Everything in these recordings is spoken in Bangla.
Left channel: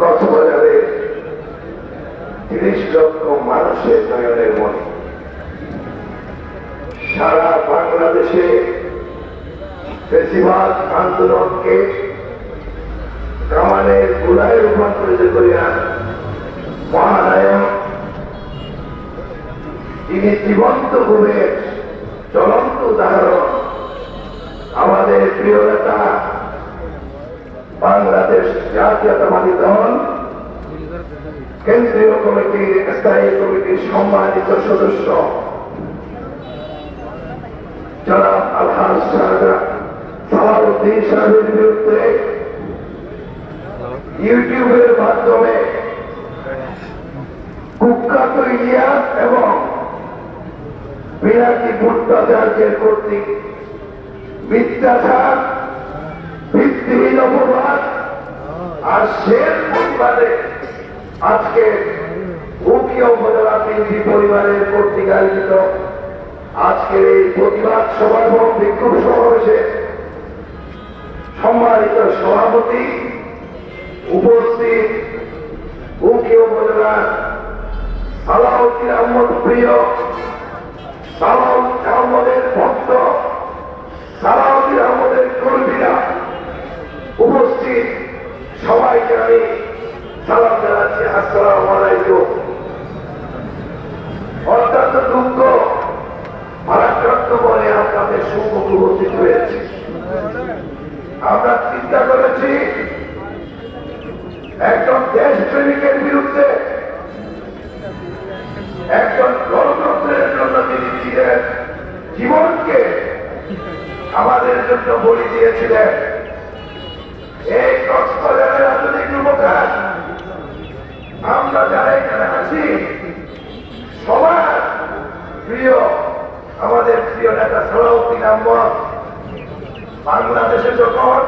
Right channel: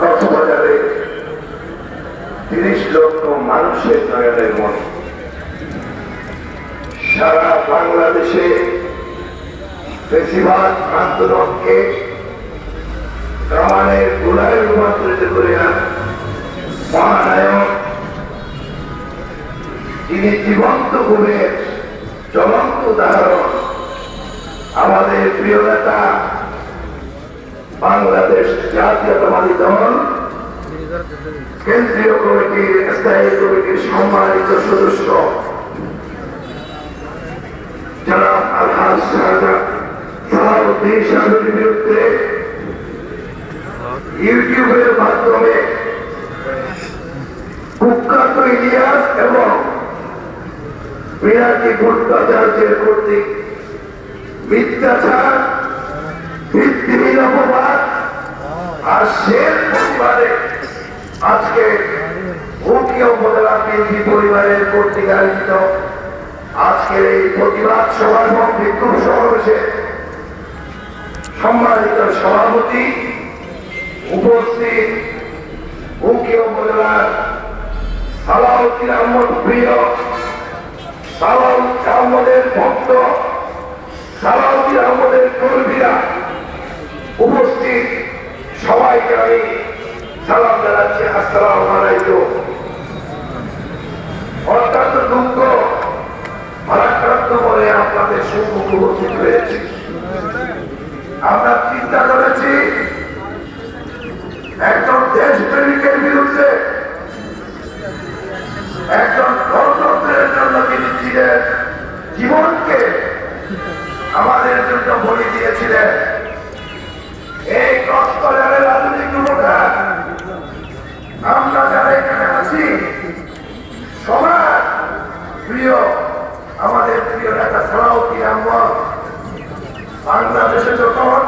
কক্সবাজারে 30 লক্ষ মানুষের নয়নের মনে, সারা বাংলাদেশে বেশিরভাগ আন্দোলনকে কামানের গোলায় রূপান্তরিত করে মহানায়ক, তিনি জীবন্ত ভাবে জ্বলন্ত উদাহরণ, আমাদের প্রিয় নেতা, বাংলাদেশ জাতীয়তাবাদী দল কেন্দ্রীয় কমিটির স্থায়ী কমিটির সম্মানিত সদস্য জনাব আলহাজ সালাউদ্দিন শাহরুর বিরুদ্ধে ইউটিউবের মাধ্যমে কুখ্যাত ইলিয়াস এবং পিনাকি ভট্টাচার্যের কর্তৃক মিথ্যাচার, ভিত্তিহীন অপবাদ আর সের প্রতিবাদে আজকে উকিল উপজেলা বিএনপি পরিবারের কর্তৃক আয়োজিত আজকের এই প্রতিবাদ সভা এবং বিক্ষোভ সমাবেশে সম্মানিত সভাপতি, উপস্থিত উকিল উপজেলার সালাউদ্দিন আহমদ প্রিয়, সালাউদ্দিন আহমদের ভক্ত, সালাউদ্দিন আহমদের কর্মীরা, উপস্থিত সবাইকে আমি সালাম জানাচ্ছি। আসসালামু আলাইকুম। অত্যন্ত দুঃখ ভারাক্রান্ত বলে আপনাদের সম্মুখে উপস্থিত হয়েছে। আমরা চিন্তা করেছি একজন দেশপ্রেমিকের বিরুদ্ধে, একজন গণতন্ত্রের জন্য তিনি ছিলেন, জীবনকে আমাদের জন্য বলি দিয়েছিলেন। এই কক্সবাজারের রাজনৈতিক যুবকরা, আমরা যারা এখানে আছি, সবার প্রিয়, আমাদের প্রিয় নেতা সালাউদ্দিন আহমদ বাংলাদেশে যখন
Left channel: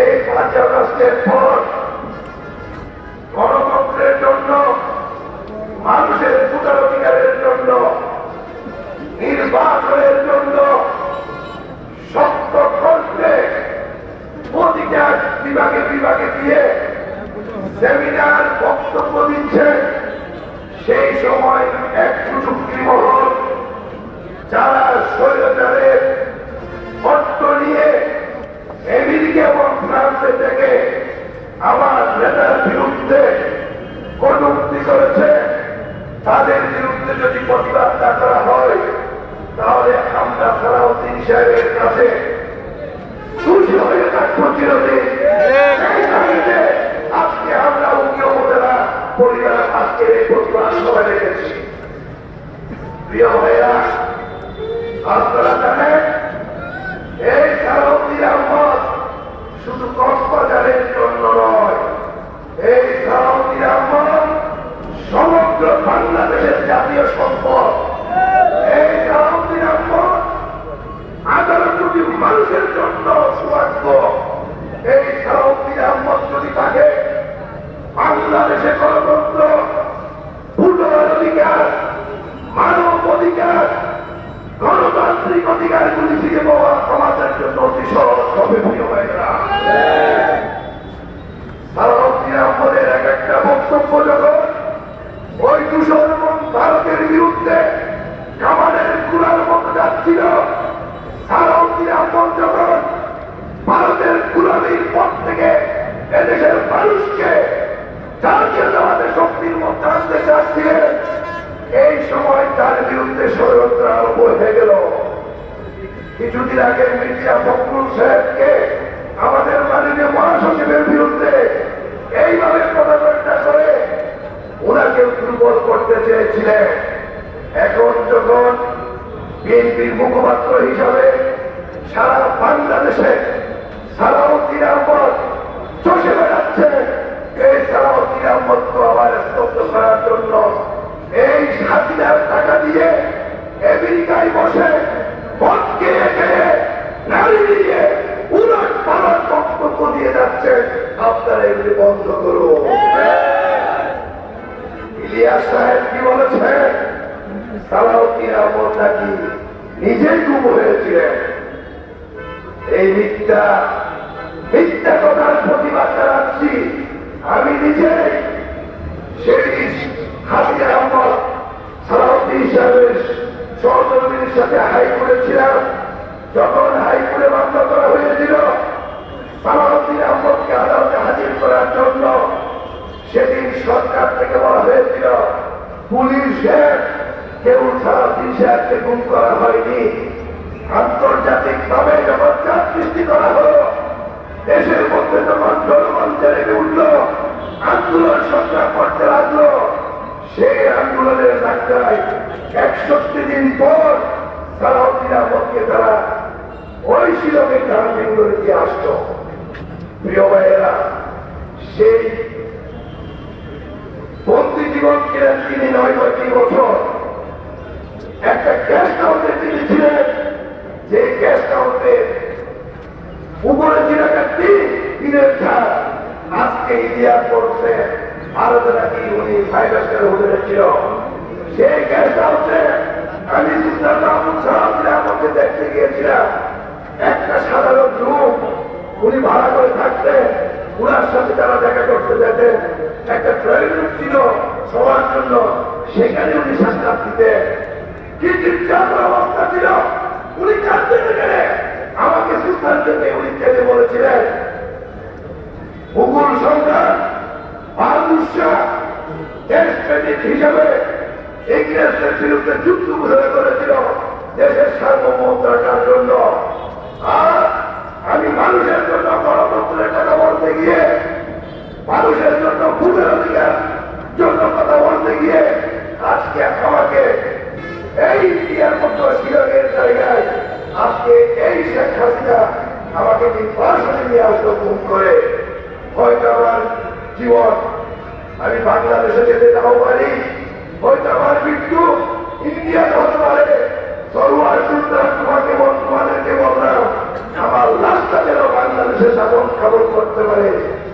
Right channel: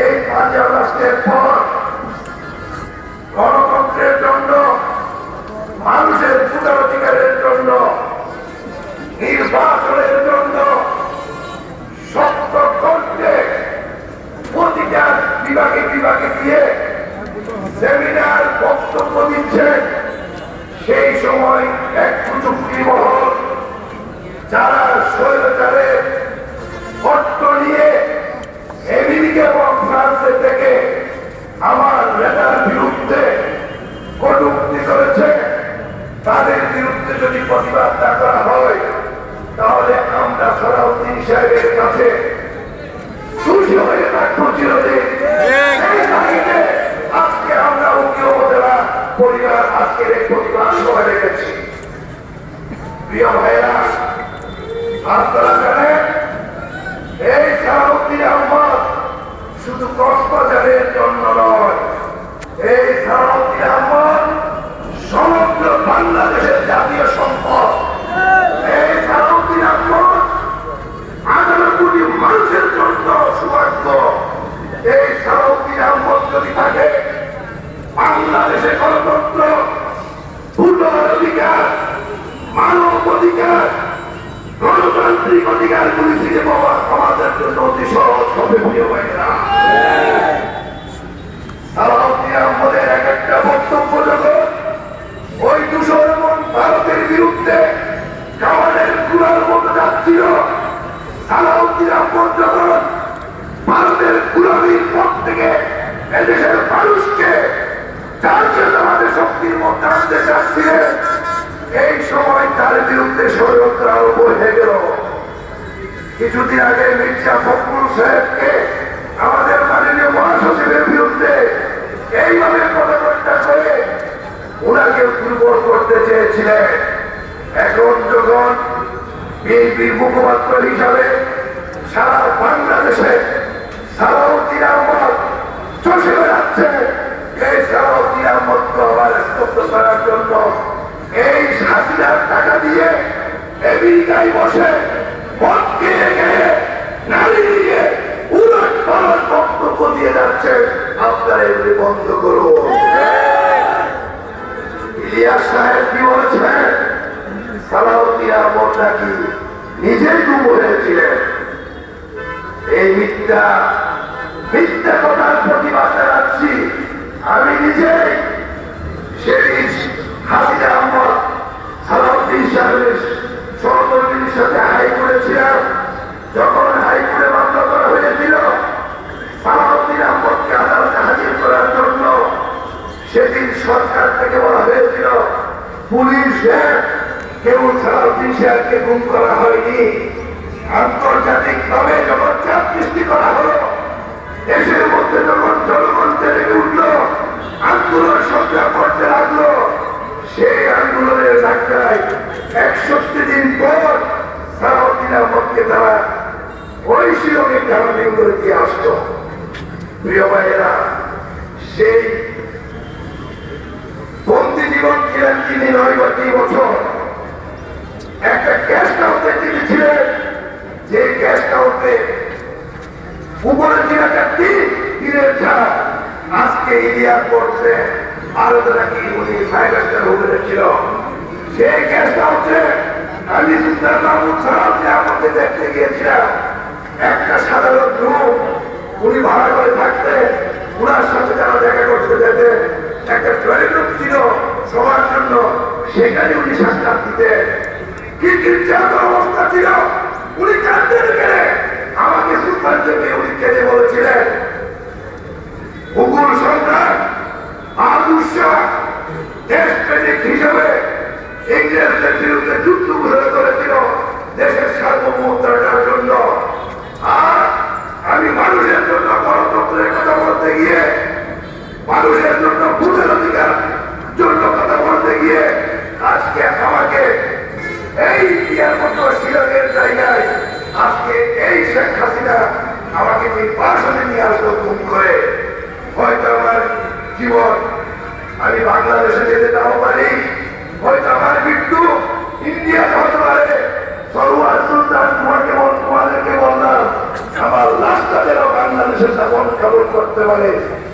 এই 5 আগস্টের পর গণতন্ত্রের জন্য, মানুষের ভোটার অধিকারের জন্য, নির্বাচনের জন্য সত্য করতে প্রতিটা বিভাগে বিভাগে গিয়ে সেমিনার বক্তব্য দিচ্ছেন, সেই সময় এক প্রযুক্তি মহল যারা স্বৈরাচারের পট্ট নিয়ে আমেরিকা এবং ফ্রান্সের থেকে আমার নেতার বিরুদ্ধে কটূক্তি করেছে, তাদের বিরুদ্ধে যদি প্রতিবাদ না করা হয় তাহলে আমরা সালাউদ্দিন সাহেবের কাছে খুশি হয়ে থাকবো চিরদিন। আজকে আমরা উকিল উপজেলা পরিবার আজকের এই প্রতিবাদ সভা রেখেছি। প্রিয় ভাইরা, আপনারা জানেন এই সালাউদ্দিন আহমদ শুধু কক্সবাজারের জন্য নয়, এই সালাউদ্দিন আহমদ সমগ্র বাংলাদেশের জাতীয় সম্পদ। এই সালাউদ্দিন আহমদ 18 কোটি মানুষের জন্য সৌভাগ্য। এই সালাউদ্দিন আহমদ যদি থাকে, বাংলাদেশে গণতন্ত্র, ভোটার অধিকার, মানব অধিকার, গণতান্ত্রিক অধিকার গুলি ফিরে পাওয়া আমাদের জন্য অতি সহজ হবে। প্রিয় ভাইরা, সালাউদ্দিন আহমদের এক একটা বক্তব্য যখন ওই দূষণ এবং ভারতের বিরুদ্ধে কামানের গুলার মতো যাচ্ছিল, সালাউদ্দিন আহমদ যখন ভারতের গুলামির পথ থেকে এদেশের মানুষকে জাতীয়তাবাদের শক্তির মধ্যে আনতে চাচ্ছিলেন, এই সময় তার বিরুদ্ধে ষড়যন্ত্র আরম্ভ হয়ে গেল। কিছুদিন আগে মির্জা ফখরুল সাহেবকে আমাদের মাননীয় মহাসচিবের বিরুদ্ধে এইভাবে পদযাত্রা করে ওনাকে দুর্বল করতে চেয়েছিলেন। এখন যখন বিএনপির মুখপাত্র হিসাবে সারা বাংলাদেশে সালাউদ্দিন আহমদ চষে বেড়াচ্ছে, এই সালাউদ্দিন আহমদকে আবার স্তব্ধ করার জন্য এই হাসিনার টাকা দিয়ে আমেরিকায় বসে ভোট খেয়ে খেয়ে নারী দিয়ে উলট পালট বক্তব্য দিয়ে যাচ্ছে। আপনারা এগুলি বন্ধ করুন। ইলিয়াস সাহেব কি বলেছেন? সালাউদ্দিন আহমদ নাকি নিজেই গুম হয়েছিলেন। এই মিথ্যা কথার প্রতিবাদ জানাচ্ছি। নিজেই সেদিন হাসিনা আহমদ সালাউদ্দিন সাহেবের সহকর্মীর সাথে হাইকোর্টে ছিলাম। যখন হাইকোর্টে মামলা করা হয়েছিল সালাউদ্দিন আহমদকে আদালতে হাজির করার জন্য, সেদিন সরকার থেকে বলা হয়েছিল পুলিশের কেউ সালাউদ্দিন সাহেবকে গুম করা হয়নি। আন্তর্জাতিক ভাবে যখন চাপ সৃষ্টি করা হলো, দেশের মধ্যে যখন জনগণ জেগে উঠল, আন্দোলন সংগ্রাম করতে লাগলো, সেই আন্দোলনের ডাক্তারাই 61 দিন পর সালাউদ্দিন আহমদকে তারা ওই শিলংয়ের ঢাকা করে দিয়ে আসতো। প্রিয় ভাইয়েরা, সেই বন্দি জীবন ছিলেন তিনি 9 বছর। একটা গেস্ট হাউসে তিনি ছিলেন, যে গেস্ট হাউসে উপরে ছিল একটা দিনের ছাদ। আজকে ইতিহাস পড়ছে ভারতে নাকি উনি 5 হোটেলে ছিল। সেই গেস্ট হাউসে আমি সুলতান মাহমুদ সালাউদ্দিন আহমদকে দেখতে গিয়েছিলাম। একটা সাধারণ রুম উনি ভাড়া করে থাকতেন। উনার সাথে যারা দেখা করতে যেতেন, একটা ড্রয়িং রুম ছিল সবার জন্য, সেখানে উনি সাক্ষাৎ দিতেন। কি অবস্থা ছিল, উনি কাঁদতে গেলে আমাকে সুলতান থেকে উনি কেঁদে বলেছিলেন, মুঘল সম্রাট বাহাদুর শাহ দেশপ্রেমিক হিসেবে ইংরেজদের বিরুদ্ধে যুদ্ধ ঘোষণা করেছিল দেশের সার্বভৌমত্বের জন্য। আর আমি মানুষের জন্য গণতন্ত্রের কথা বলতে গিয়ে, মানুষের জন্য ভোটের অধিকার জন্য কথা বলতে গিয়ে আজকে আমাকে এই ইয়ার মতো শিলংয়ের জায়গায় আজকে এই শেখ হাসিনা আমাকে নির্বাসনে নিয়ে আসতো গুম করে। হয়তো আমার জীবন আমি বাংলাদেশে যেতে নাও পারি, হয়তো আমার মৃত্যু ইন্ডিয়াতে হতে পারে। সরোয়ার সুলতান তোমাদেরকে বললাম, আমার লাশটা যেন বাংলাদেশে যাপন খাবন করতে পারে,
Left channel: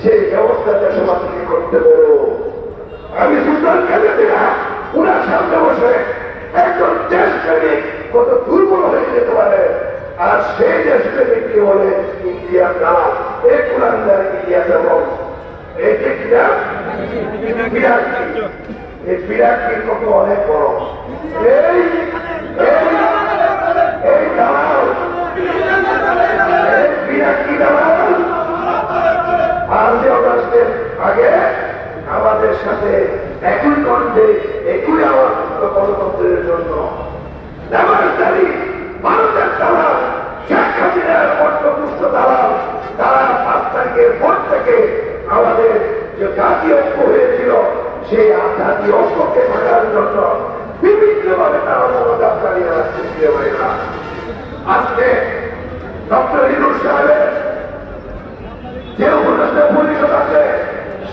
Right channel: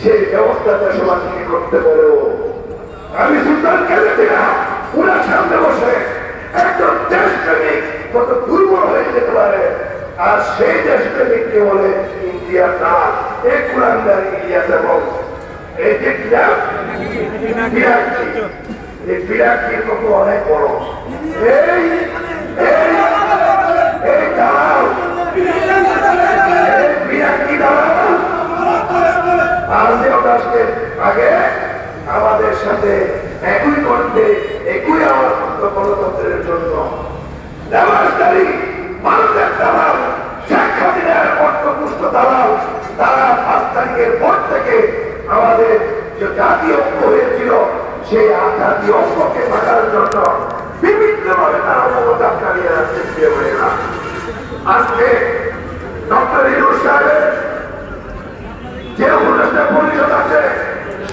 সেই ব্যবস্থা দেশবাসীকে করতে পারো। আমি সুলতান কেঁদেছিলাম উনার সামনে বসে, একজন দেশপ্রেমিক কত দুর্বল হয়ে যেতে পারে। আর সেই দেশপ্রেমিককে বলে ইন্ডিয়া না, এই কুরানদার ইতিহাস এবং এই যে এই বিরাটটির কত অনেক বড়। এই দালাল, এই বিরাটটি দালাল 5 আগস্টের আগে আমাদের সাথে একই কণ্ঠে একই আওয়াজ গণতন্ত্রের জন্য ব্যবস্থারী ভারতের দালাল শেখ হাসিনার অর্থপুষ্ট দালাল, তারা 5 তারিখের পর থেকে আমাদের যে জাতীয় ঐক্য হয়েছিল সেই জাতীয় ঐক্যকে থাকার জন্য বিভিন্নভাবে তারা অবদান চালিয়ে আসছে। আজকে ডক্টর ইউনূস সাহেবের যে উপদেষ্টা পরিষদ আছে,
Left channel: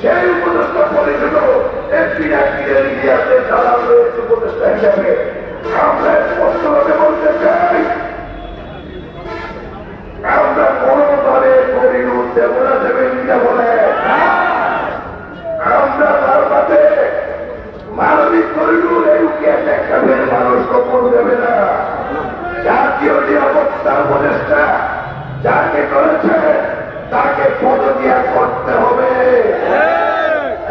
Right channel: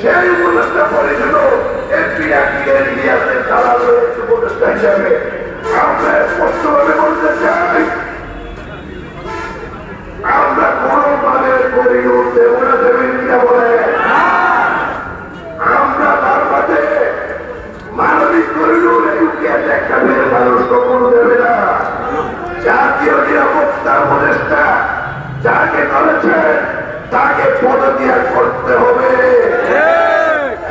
সেই উপদেষ্টা পরিষদ এমপিদের ইতিহাসের দালাল রয়েছে উপদেষ্টা হিসাবে। আমরা স্পষ্টভাবে বলতে চাই, আমরা কোনোভাবে পরিণত দেব না, দেবেন কিনা বলে আমরা তার মাঝে মানবিক পরিণত একটা মেয়ের মানুষ কখনো দেবে না। জাতীয় নিরাপত্তার উপদেষ্টা যাকে করেছে তাকে পদত্যাগ করতে হবে।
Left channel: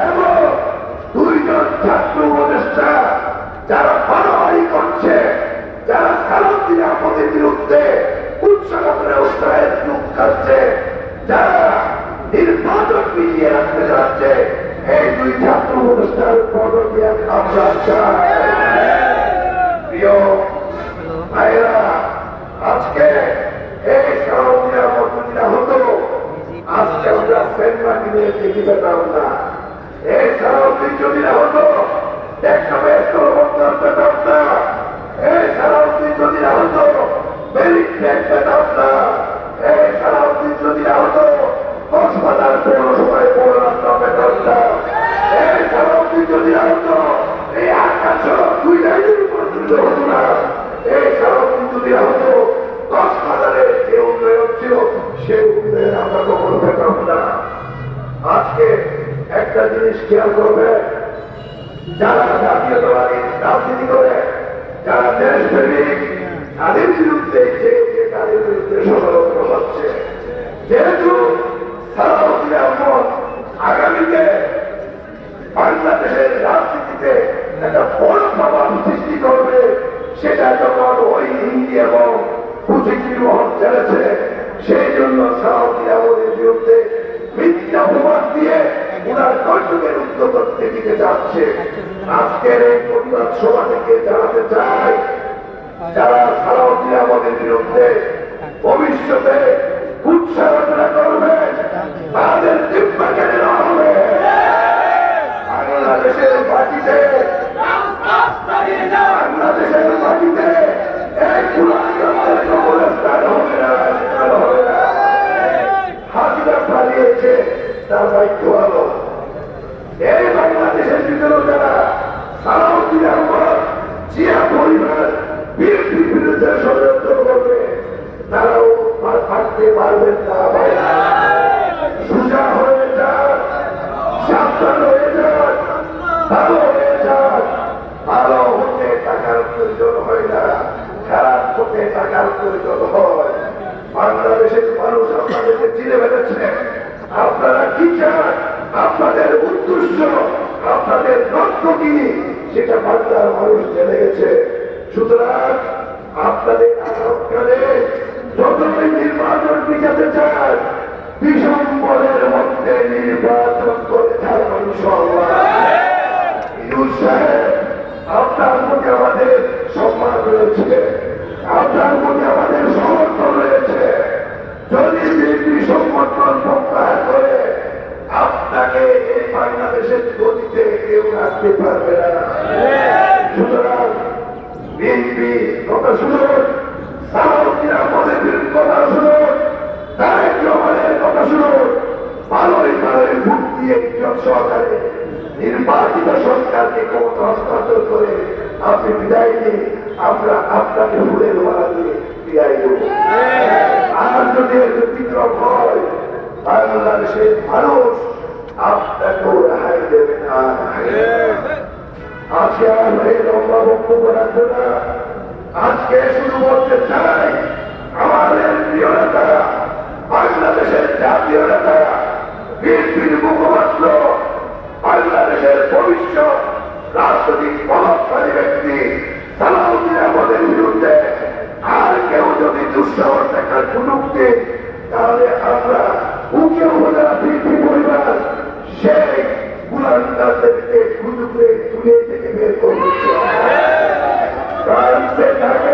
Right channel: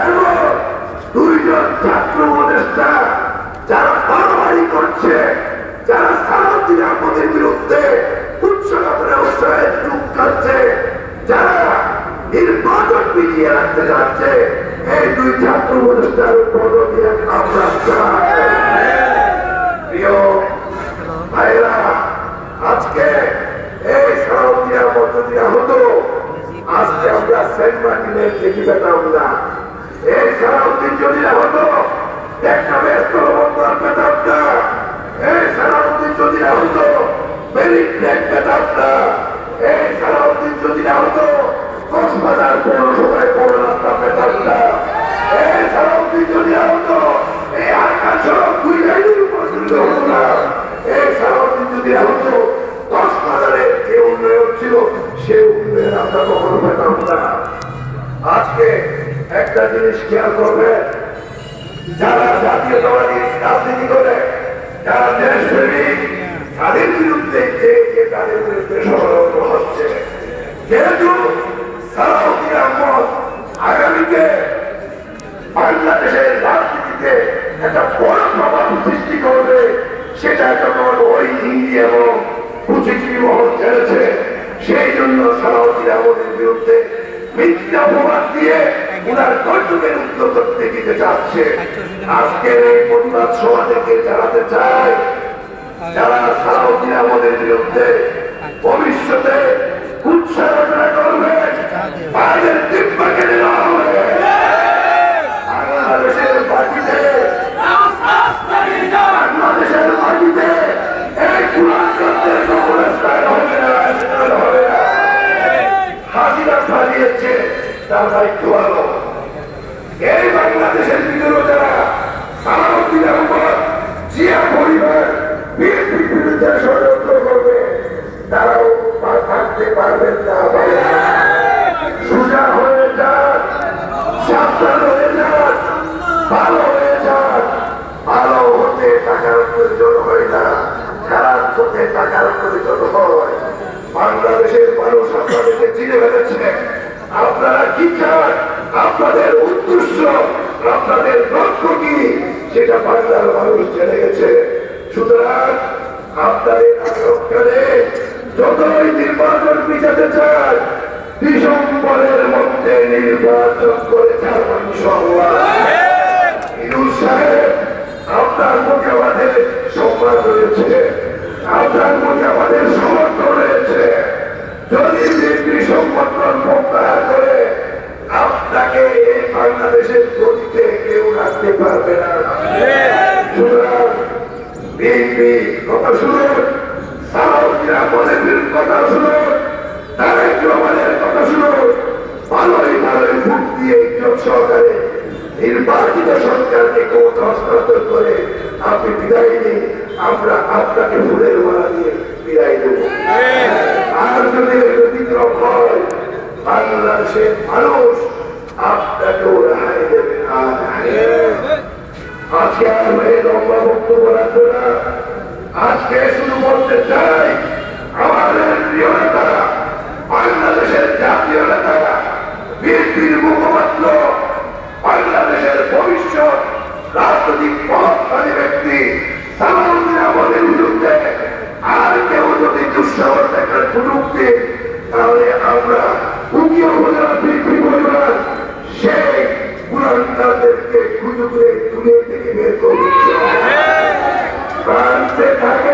এবং 2 জন ছাত্র উপদেষ্টা যারা বাড়াবাড়ি করছে, যারা সালাউদ্দিন আহমদের বিরুদ্ধে উৎসাহে উৎসাহে চুপ খাচ্ছে, যারা নির্বাচন পিছিয়ে রাখতে যাচ্ছে, এই 2 ছাত্র উপদেষ্টার পদত্যাগ আমরা চাই। প্রিয় ভাইরা, আজকে এই সালাউদ্দিন আহমদ যদি না হতো, আজকে আমরা সেন্ট মার্টিনের দেখি পেতাম না। এই সালাউদ্দিন যদি না হতো, একটা ব্যস্ত পেতাম না। এই সালাউদ্দিন যদি না হতো, মেরিট র্যাঙ্ক পেতাম না। এই সালাউদ্দিন যদি না হতো, 10,000 পৌরসভায় পৌর রাস্তা পেতাম না। এই সালাউদ্দিন যদি না হতো, এই আকাশ 2 লাইনের উপর তুলতে হতো না। এই সালাউদ্দিন যদি না হতো, 10,000-এর যে উন্নয়ন ছিল সে উন্নয়ন আমরা কখনো পেতাম না। আজকে একটা জিনিস খেয়াল করবে, যারা জাতীয়তাবাদী রাজনীতি করে, যারা দেশপ্রেমিক, তাদের বিরুদ্ধে যে তাদের বিরুদ্ধে ষড়যন্ত্র হচ্ছে। যেহেতু সালাউদ্দিন আহমদ আগামীতে বাংলাদেশের রাজনীতিতে একটা বড় প্রভাব সৃষ্টি করবে, সেটা যখন ওই হিন্দি এবং কুচিপুড়ি মহল চলেছে, সেই জন্য সালাউদ্দিন আহমদের বিরুদ্ধে মিথ্যা অপবাদ দিয়ে ওনার কর্তব্যের উদ্যোগ করতে দিতে চাচ্ছে। আজকের এই প্রতিবাদ সভা থেকে জানাতে চাই, যারা সালাউদ্দিন আহমদের বিরুদ্ধে ভবিষ্যতে উৎসাহনা করবে, তাদের জিম্মা কেড়ে নেওয়া হবে। বাংলাদেশের মাটিতে এক কুলাঙ্গারদের কবরস্থান হবে না, হবে না। হাসিনা পালিয়েছে, তার দায়িত্ব ভালো। এই বাংলাদেশের ভিতরে যারা সালাউদ্দিন আহমদ, জিয়া পরিবার বিএনপির বিরুদ্ধে ষড়যন্ত্র করবে, তারাও থাকতে পারবেন না। সোজা হয়ে যান, সাবধান হয়ে যান, ভালো হয়ে যান। ভালো হতে টাকার প্রয়োজন হয় না, খারাপ হতে টাকার প্রয়োজন হয়। বাংলাদেশের মানুষ আপনাদেরকে চিনে ফেলেছে। আপনারা কি চান, আপনাদের উদ্দেশ্য, আপনাদের লক্ষ্য কি, সেটা বাংলার মানুষ জেনে গেছে। সুতরাং আপনাদের আলোচনায় যতই নির্বাচন পিছাতে চান, ডিসেম্বরের মধ্যে নির্বাচন করে থাকবেন ইনশাআল্লাহ। ইউনূস সাহেব, আপনার মুখে আমাদের সম্মান রয়েছে, আপনার মুখে আমাদের সমর্থন রয়েছে। যদি বিএনপি সমর্থন প্রত্যাহার করে, আপনাকে এই বাংলাদেশের গতিতে কেউ রাখতে পারবে না। সুতরাং বিএনপি কথা শুনুন, সালাউদ্দিন আহমদের কথা শুনুন, তারেক রহমানের কথা শুনুন। ভালোই ভালোই ভোট দিয়ে ইজ্জত সহকারে নির্বাচিত সরকারকে ক্ষমতা হস্তান্তর করে আপনি বিদায় নিন, আমরা আপনাকে ফুলের মালা দিয়ে বিদায় দেব। আর যদি ব্যতিক্রম হয়, বাংলাদেশের মানুষ আপনাকেও রেহাই দেবে না। আজকে আর এই লম্বা বক্তব্য রাখবো না। আজকে শুরু করতে চাই, আমাদের প্রিয় নেতারা, বাংলাদেশের জাতীয় নেতারা, বিএনপির মুখপাত্র, বাংলাদেশের ভবিষ্যৎ রাজনৈতিক প্রভাবশালী ব্যক্তি সালাউদ্দিন আহমদের বিরুদ্ধে আর কেউ যদি দুঃসাহস দেখার সুযোগ দেয়, তাহলে আমরা উকিল উপজেলা বিএনপি পরিবার সেই কুলাঙ্গারদেরকে খুঁজে করে তুলে থেকে বের করবে। ফ্রান্সে থাকে,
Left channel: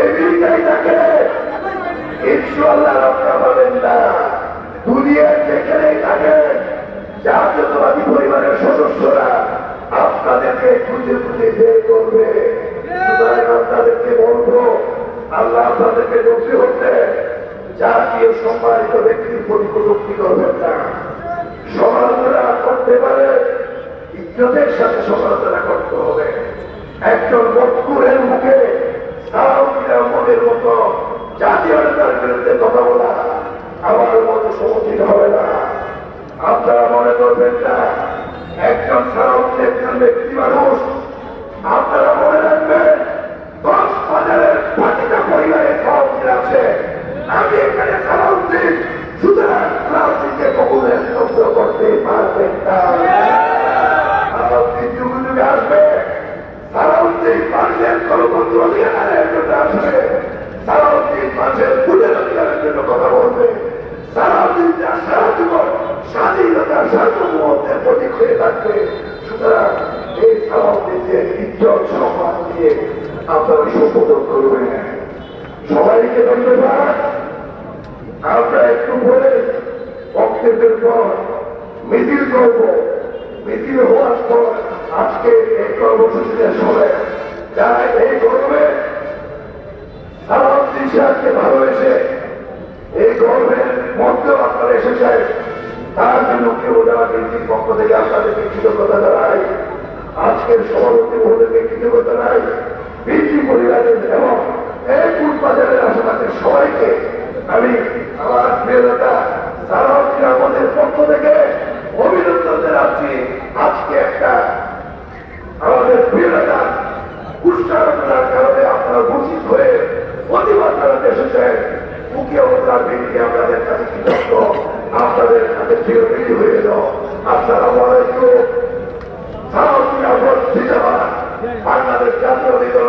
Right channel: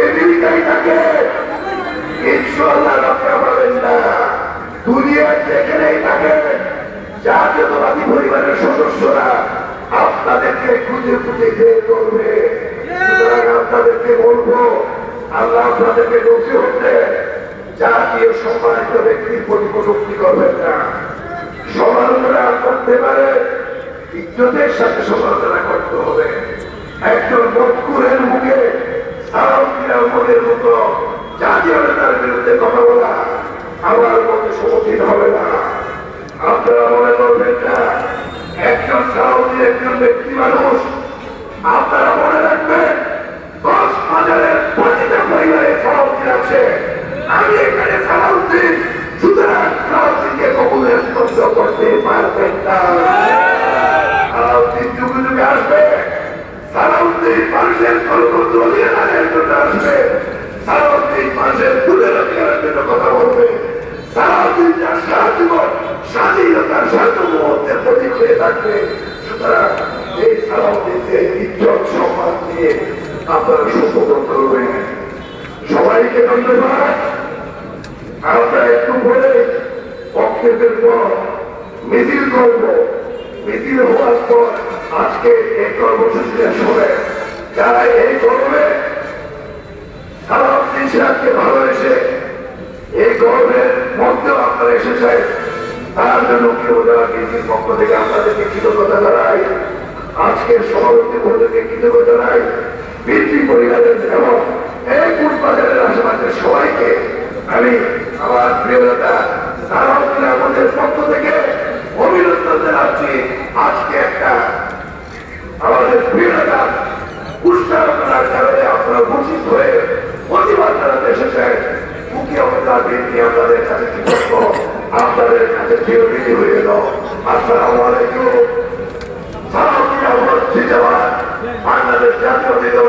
আমেরিকায় থাকে, ইনশাআল্লাহ রক্ষা পাবেন না। দুনিয়ার যেখানেই থাকে, জাতীয়তাবাদী পরিবারের সদস্যরা আপনাদেরকে খুঁজে খুঁজে বের করবে। সুতরাং আপনাদেরকে বলবো, আল্লাহ আপনাদেরকে বলতে হচ্ছে, জাতীয় সম্মানিত ব্যক্তির প্রতি কটূক্তি করবেন না। সমালোচনা করতে পারে, ইজ্জতের সাথে সমালোচনা করতে হবে। একজন মজকুরের মুখে সালাউদ্দিন আহমদের মতো জাতীয় নেতার বিরুদ্ধে কথা বলা আমার মতে সমীচীন হবে না। আপনারা মনে করবেন না একজন সালাউদ্দিন একজন ব্যক্তি মানুষ। আপনারা মনে রাখবেন, কক্সবাজারের প্রতিটা পরিবারে সালাউদ্দিন আছে। আমি এখানে সালাউদ্দিন, সুতরাং সালাউদ্দিনকে কবুলের শব্দ করতে পারবেন না। সালাউদ্দিন যুগে যুগে আসবে, সালাউদ্দিন মানুষের কলপত্র অধিকারের জন্য আসবে, সালাউদ্দিন মানুষের ভুলের অধিকারের জন্য কথা বলবে। সালাউদ্দিন যার সারা জীবন স্বাধীনতার সার্বভৌমত্বের প্রতীক হয়ে থাকবে। সুতরাং এই সালাউদ্দিনকে ইজ্জত সম্মান দিয়ে আপনারা সম্বোধন করবেন। সবাইকে ধন্যবাদ। আমরা একটু বলে বক্তব্যের পর মিছিল করব। মিছিল হওয়ার পর আজকে এই কর্মসূচিতে সবাই যারা এই গরমে সালাউদ্দিন সাহেবকে ভালোবেসে এই গরমের মধ্যেও আপনারা এসেছেন, তার জন্য কেউ যারা বিএনপির পক্ষ থেকে আপনাদেরকে কৃতজ্ঞতা জানাই। আজকের সভাপতি মহোদয়কে কৃতজ্ঞতা জানাই। বিএনপি পরিবারের এবং এই কুটবাজারের আশেপাশের সবাইকে আমি আমার প্রিয় নেতা সালাউদ্দিন আহমদের পক্ষ থেকে অভিনন্দন জানাচ্ছি। আজকে একটা আমাদের প্রিয় নেতা উৎসাহনার কারণে আপনার বঞ্চিত হয়ে প্রতিবাদ জানাতে এসেছেন। মুখ্য অবতার বিএনপি আপনাদের কাছে কৃতজ্ঞ। আপনাদের কাছে চিরবিধি হয়ে গেল। আসসালামু আলাইকুম। সালাম জিন্দাবাদ। বাংলাদেশ জাতীয় দল